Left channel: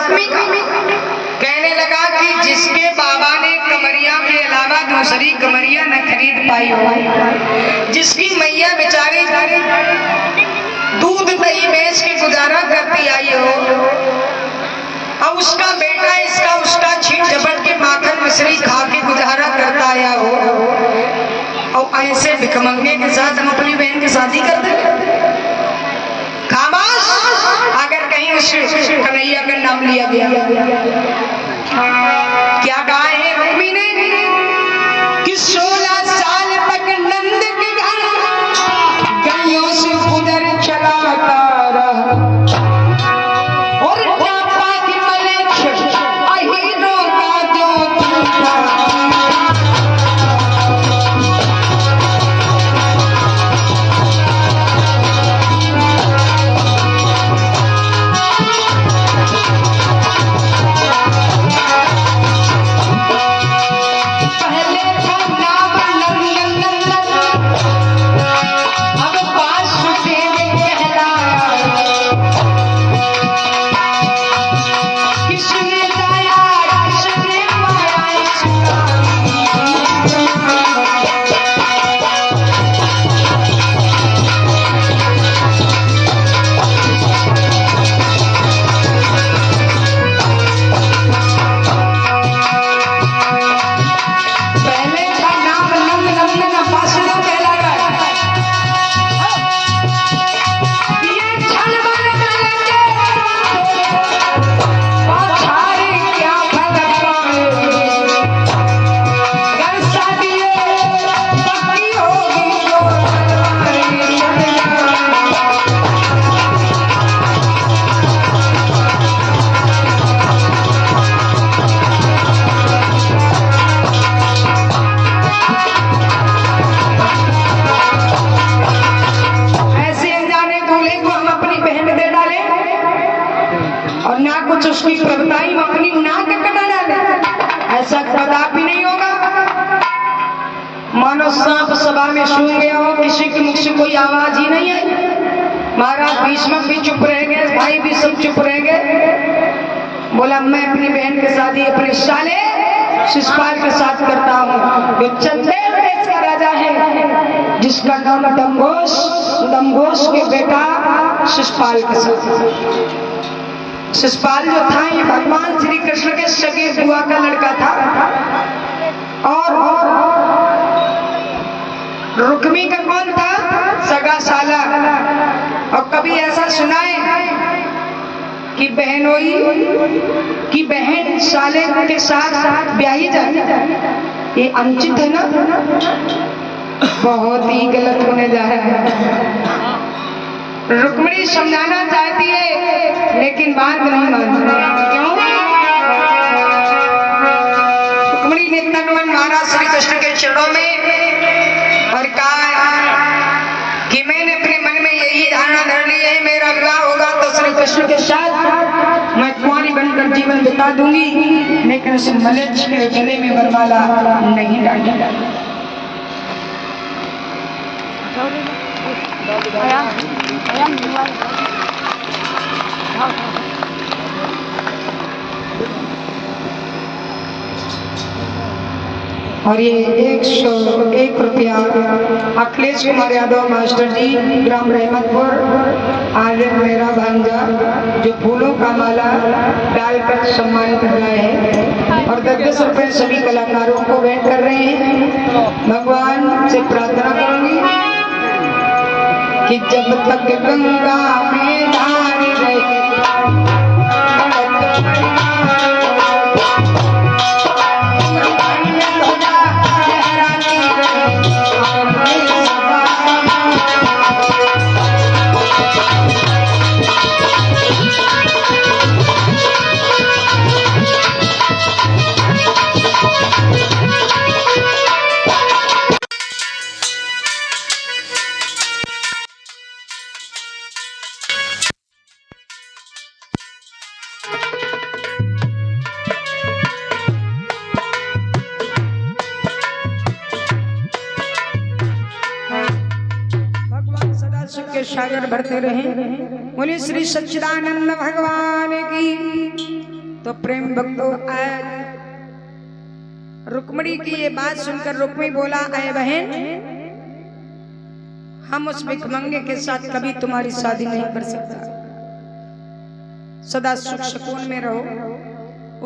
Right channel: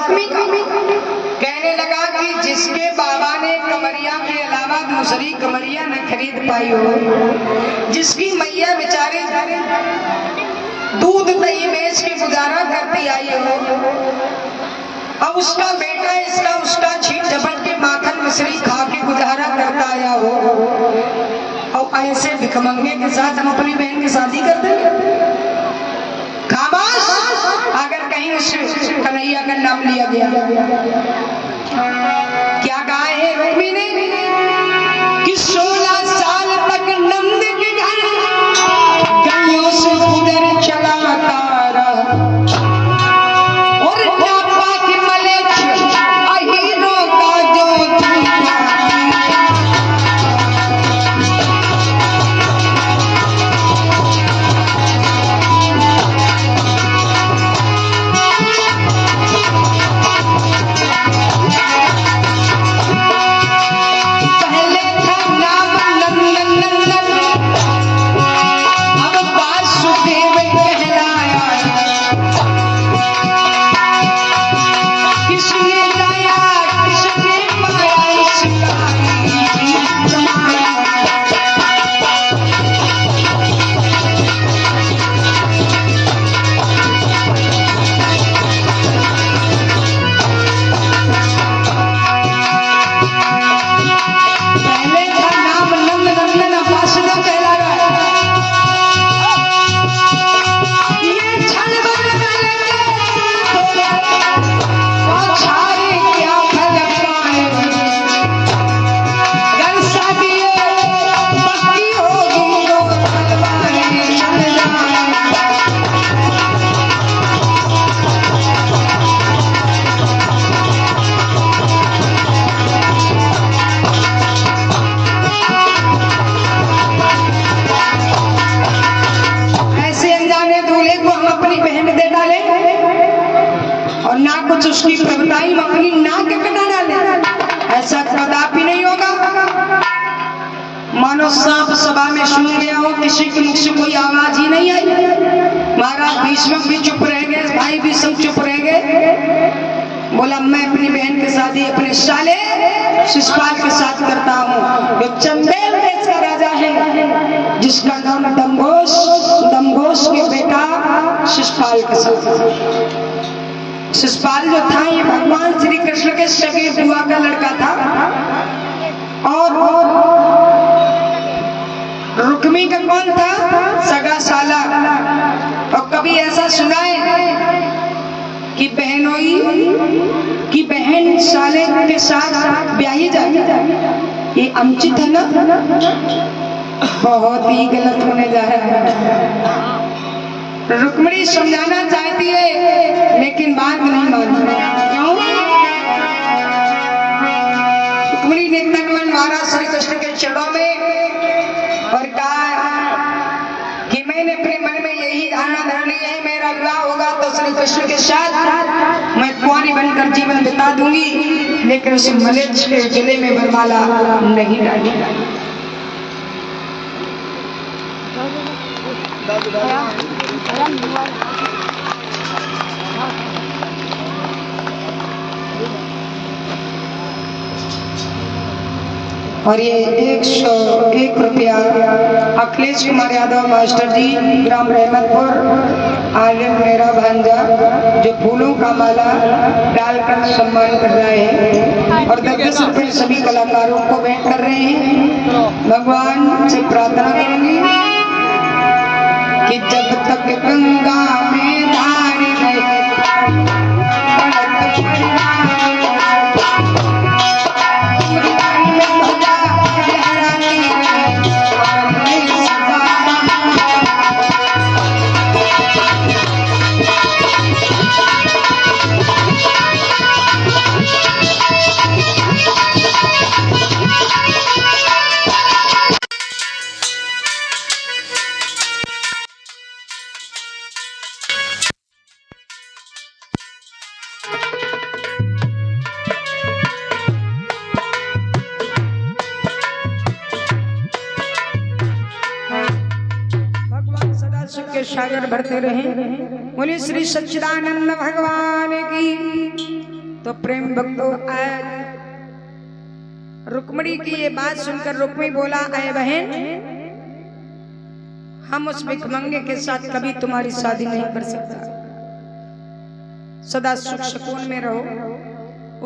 रुक्मी का। कहने लगा कि जिसके बाबा ने कमरिया के अलावा दूसरी कमरिया न खरीद पाई हो, जिसकी मैया बेचारी दूध दही बेच के गुजारा करती आई हो, अब उसका बेटा इसका उसका छीट झपट के माखन मिश्री खा के गुजारा करता आया हो, और ऐसे भिखमंगे के साथ हम अपनी बहन की शादी कर दें? खामोश। अगर कहीं उस कन्हैया का नाम लिया गया, क्या कहा है रुक्मी ने कि 16 साल तक नंद के घर गलियों से गुजर चलाता रहा, और टापा के मलेच्छ अहीरों का जो सांप सभा में सूंघ गया हो, किसी की मुख से कोई आवाज ही नहीं आई। महाराज भीष्मक भी चुप रह गए, भाई भी सब चुप रह गए। बोला मैं अपनी बहन के शादी अपने साले शिशुपाल के साथ करता हूँ, जो चंदेल देश का राजा है, जिसका नाम दमघोष, दमघोष के बेटा शिशुपाल के साथ। शिशुपाल जो था ये भगवान श्री कृष्ण के सगे बुआ का लड़का था, और रुक्मी का कौन था? सगा साला। और कभी ऐसा सुना है कि बहनोई की बहन साले के साथ ब्याही जाती? ये अनुचित है ना, बहुत ही गलत होने जा रहा है। रुक्मिणी समझाना चाहती है लेकिन बात नहीं मानती। क्यों? रुक्मिणी ने नटवन महाराज श्री कृष्ण के चरणों में और कहा कि मैंने अपने मन में यही धारणा धर ली है, मेरा विवाह होगा तो श्री कृष्ण के साथ मैं कुंवारी बनकर जीवन बिता दूंगी, लेकिन उसे मलेच्छ के गले में वरमाला नहीं डालूंगी। और ये 101 रुपया अखिलेश कुमार यादव मास्टर जी, ग्राम रहमतपुर, आर्य मेरा भांजा, जो फूलों का माला डालकर सम्मान कर रहे हैं, और 10 रुपये सभी कलाकारों को भेंट कर रहे हैं। भगवान से प्रार्थना करेंगे कि जब तक गंगा में धारी रहे सागर भरते रहे। बोले श्री सच्चिदानंद भगवान की। तो प्रेम भक्तों आज रुक्मिणी की ये बात सुनकर रुक्मी बोला, अय बहन, हम उस भिखमंगे के साथ कभी तुम्हारी शादी नहीं कर सकता, सदा सुख सुकून में रहो।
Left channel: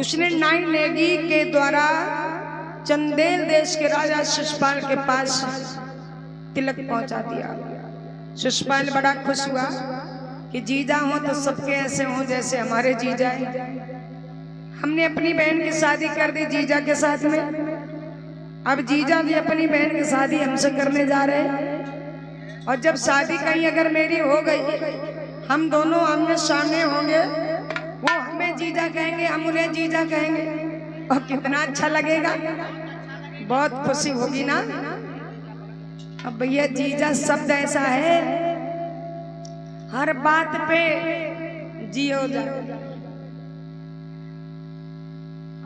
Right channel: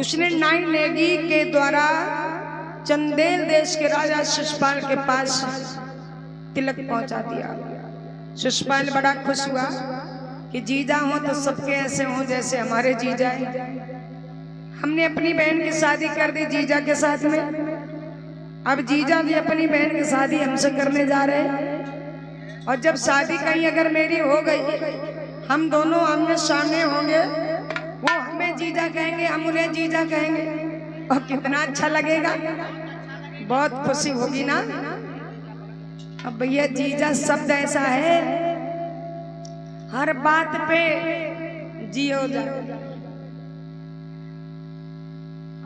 उसने नाई नेगी के द्वारा चंदेल देश के राजा शिशुपाल के पास तिलक पहुंचा दिया। शिशुपाल बड़ा खुश हुआ कि जीजा हो तो सबके ऐसे हो जैसे हमारे जीजा हैं। हमने अपनी बहन की शादी कर दी जीजा के साथ में, अब जीजा भी अपनी बहन की शादी हमसे करने जा रहे हैं। और जब शादी कहीं अगर मेरी हो गई, हम दोनों आमने सामने होंगे, वो हमें जीजा कहेंगे, हम उन्हें जीजा कहेंगे, और कितना अच्छा लगेगा, बहुत खुशी होगी ना। अब भैया जीजा शब्द ऐसा है, हर बात पे जी हो जाए।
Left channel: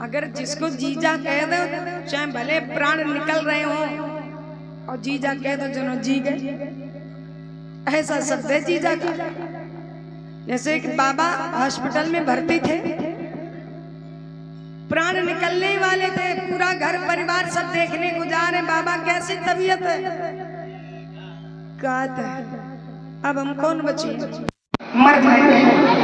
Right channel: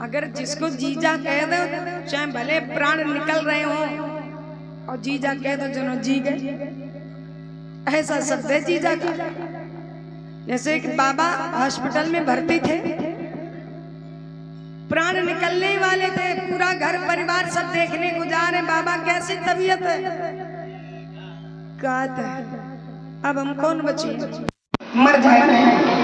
अगर जिसको जीजा कह दो, चाहे भले प्राण निकल रहे हो, और जीजा कह दो जनो जी गए, ऐसा शब्द है जीजा का। जैसे एक बाबा हॉस्पिटल में भर्ती थे, प्राण निकलने वाले थे, पूरा घर परिवार सब देखने को जा रहे, बाबा कैसी तबीयत है, कहता है अब हम कौन बचे, मर जाए।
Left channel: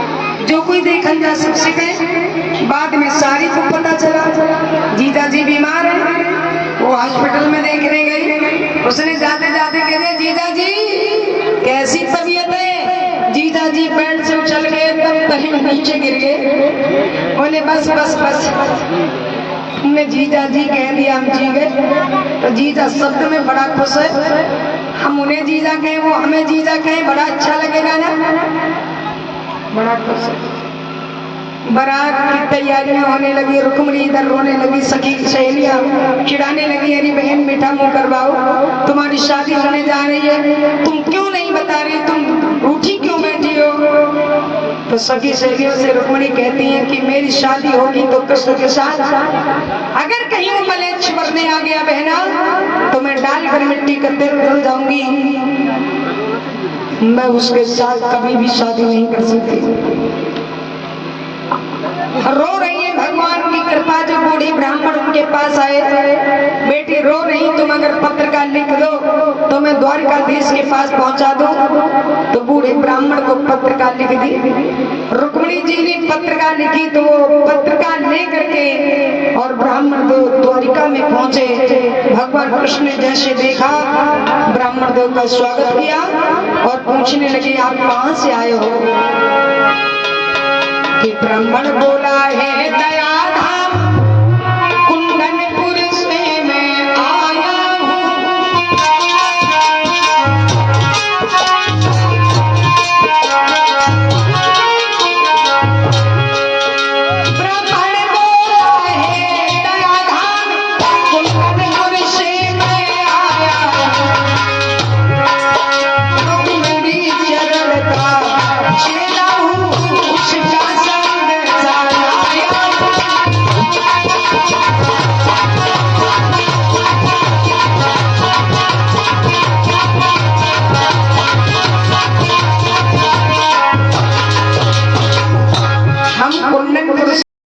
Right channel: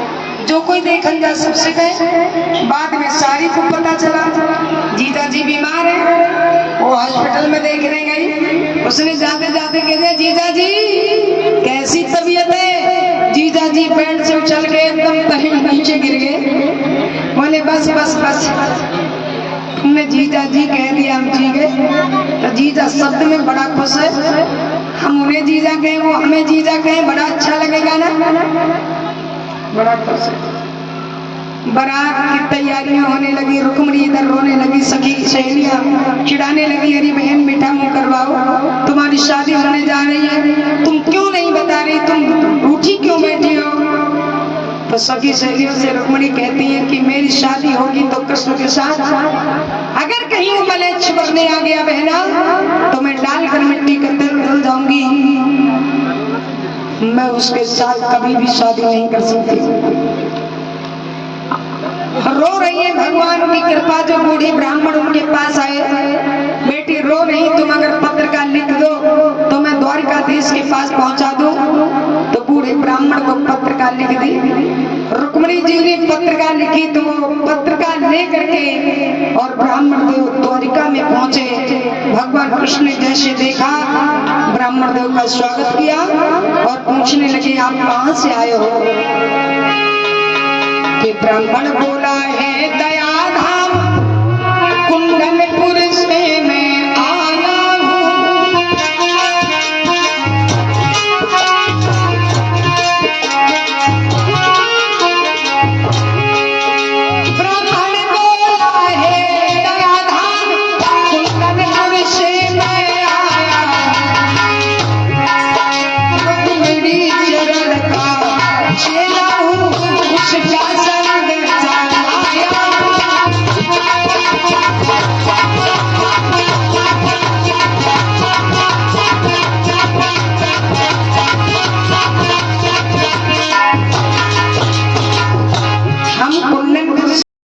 जो कोई देखल जा सबसे गए, बाद में सारी को पता चला जीजा जी बीमार है, वो हॉस्पिटल में देखने गई। उसने जाते जाते कहते, जीजा जी कैसी तबीयत है? जीजा जी बेड से उछल के एकदम तहे नीचे गिर गए। बोले बस बस बस, तुमने जीजा जी कह दिया, हम जी गए। तो जीजा शब्द में बड़ा खुश है, हम उन्हें जीजा कहें, वो हमें जीजा कहें, बड़ा अच्छा लगेगा ना, बड़ा खुश है। बारात की तैयारियां होने लगी, रुक्मिणी इधर रोने लगी, सखी सहेलियां चिढ़ाने लगी, अरे बहन मीठा मुंह करवाओ, तुम्हारी शादी होने जा रही है, तुम क्यों नहीं बता रही, तुम रूठी क्यों बैठी हो? तो सखी सहेलियों से रुक्मिणी कहती है कि मेरी शादी होगी तो कृष्ण के साथ, अगर कहीं वो मलेच्छ करने आ गया बहना, तो मैं डालकर मिट्टी का तिल बदल जाऊंगी, मैं उसके साथ कभी भी शादी नहीं कर सकती। रो रही है, भगवान की कृपा, जो बूढ़ी ब्राह्मण उनके पास आए, बेटी रो रही, तुम अगर पत्र का लिख दो तो मैं द्वारकाधीश के पास पहुंचा दूं। तो बूढ़े ब्राह्मण को पत्र का लिख दी। रुक्मिणी जी ने पत्र का लिखी, तो पत्र का लेकर के और ब्राह्मण देव द्वारिका में पहुंचे। भगवान कृष्ण ने जैसे देखा, ब्राह्मण देव का स्वागत किया और पूछने लगे, आप कहां से आए हो? कि ब्राह्मण बोला,